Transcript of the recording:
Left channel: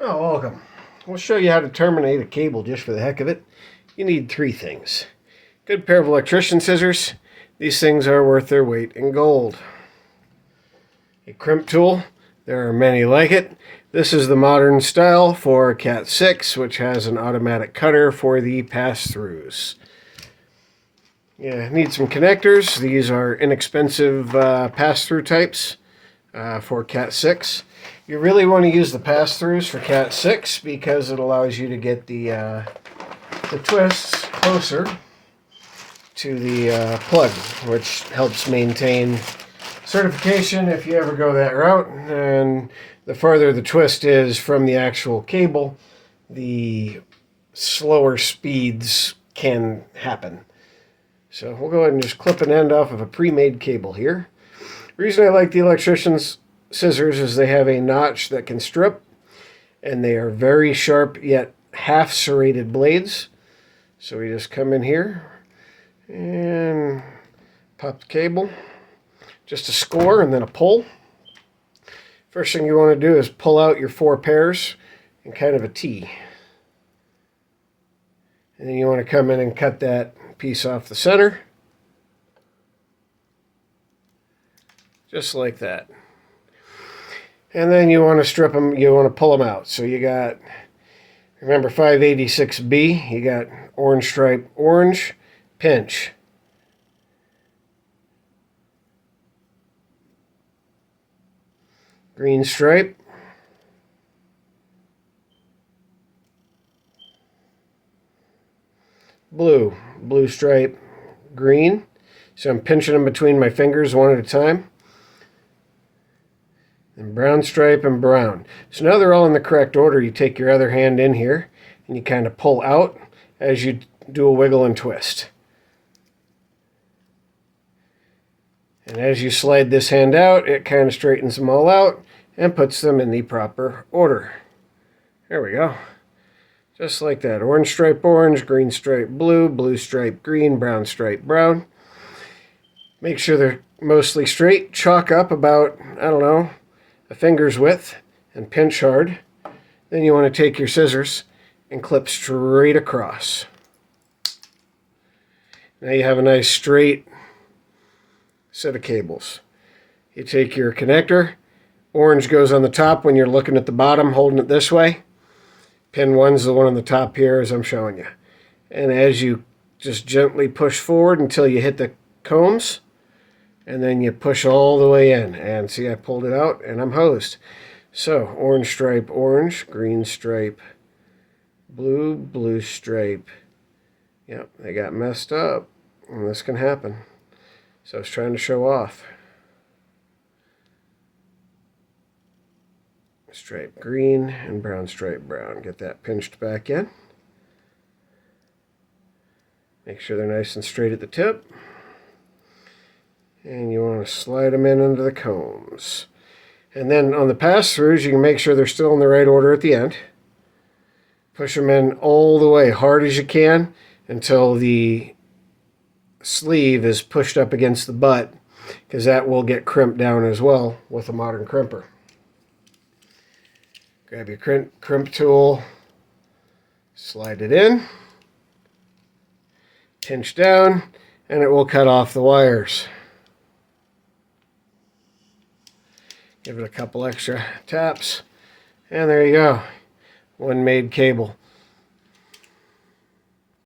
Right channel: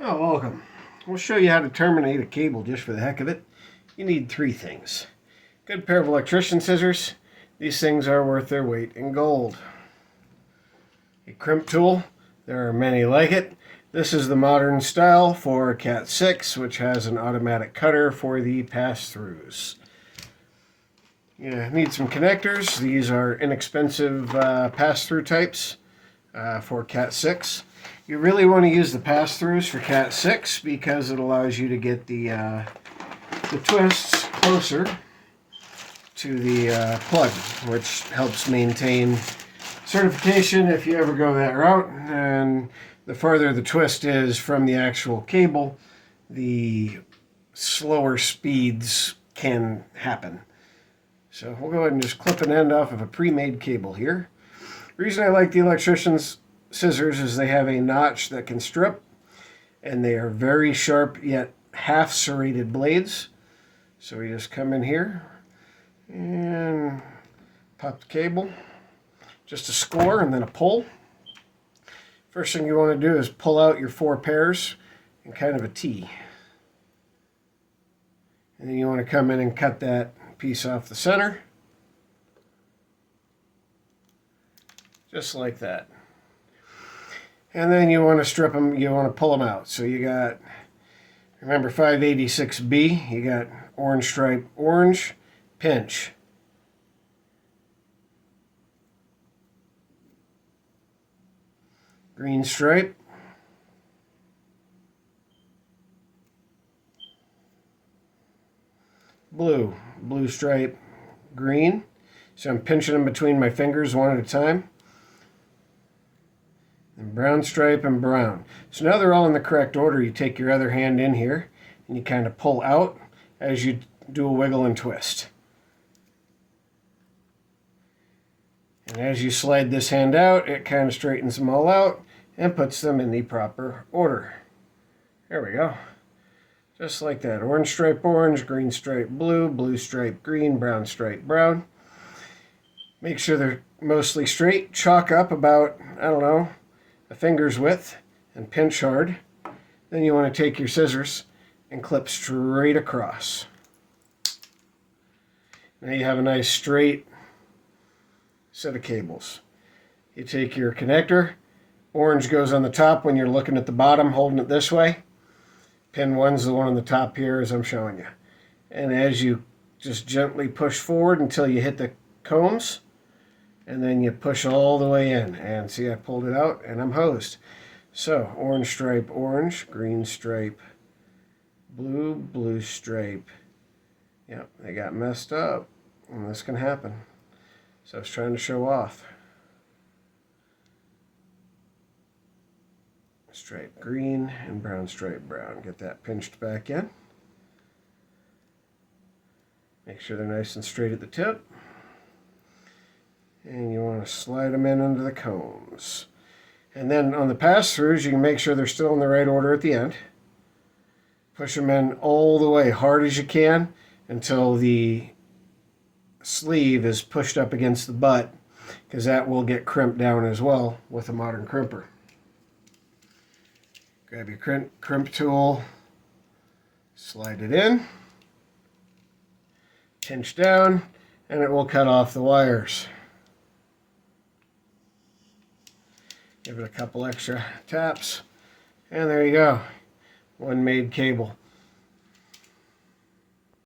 Oh, welcome. We'll show you how to terminate a cable just for the heck of it. You need three things. Good pair of electrician scissors. These things are worth their weight in gold. A crimp tool. There are many like it. This is the modern style for Cat-6, which has an automatic cutter for the pass-throughs. Need some connectors. These are inexpensive pass-through types for Cat-6. You really want to use the pass-throughs for Cat-6 because it allows you to get the twists closer to the plug, which helps maintain certification if you ever go that route. And the farther the twist is from the actual cable, the slower speeds can happen. So we'll go ahead and just clip an end off of a pre-made cable here. The reason I like the electrician's scissors is they have a notch that can strip, and they are very sharp yet half serrated blades. So we just come in here and pop the cable, just a score and then a pull. First thing you want to do is pull out your 4 pairs in kind of a T. And then you want to come in and cut that piece off the center. Just like that. And then you want to strip them, you want to pull them out. So you got, remember 586B, you got orange stripe, orange, pinch. Green stripe. Blue, blue stripe, green. So I'm pinching them between my fingers one at a time. And brown stripe and brown. So now they're all in the correct order. You take your other hand in here and you kind of pull out as you do a wiggle and twist. And as you slide this hand out, it kind of straightens them all out and puts them in the proper order. There we go. Just like that. Orange stripe orange, green stripe blue, blue stripe green, brown stripe brown. Make sure they're mostly straight. Chalk up about, I don't know, a finger's width and pinch hard. Then you want to take your scissors and clip straight across. Now you have a nice straight set of cables. You take your connector. Orange goes on the top when you're looking at the bottom, holding it this way. Pin 1's the one on the top here as I'm showing you. And as you just gently push forward until you hit the combs, and then you push all the way in. And see, I pulled it out and I'm hosed. So orange stripe orange, green stripe blue, blue stripe. Yep, they got messed up, and this can happen. So I was trying to show off. Stripe green and brown stripe brown. Get that pinched back in. Make sure they're nice and straight at the tip. And you want to slide them in under the combs. And then on the pass-throughs, you can make sure they're still in the right order at the end. Push them in all the way, hard as you can, until the sleeve is pushed up against the butt, because that will get crimped down as well with a modern crimper. Grab your crimp tool, slide it in, pinch down, and it will cut off the wires. Give it a couple extra taps, and there you go. One made cable.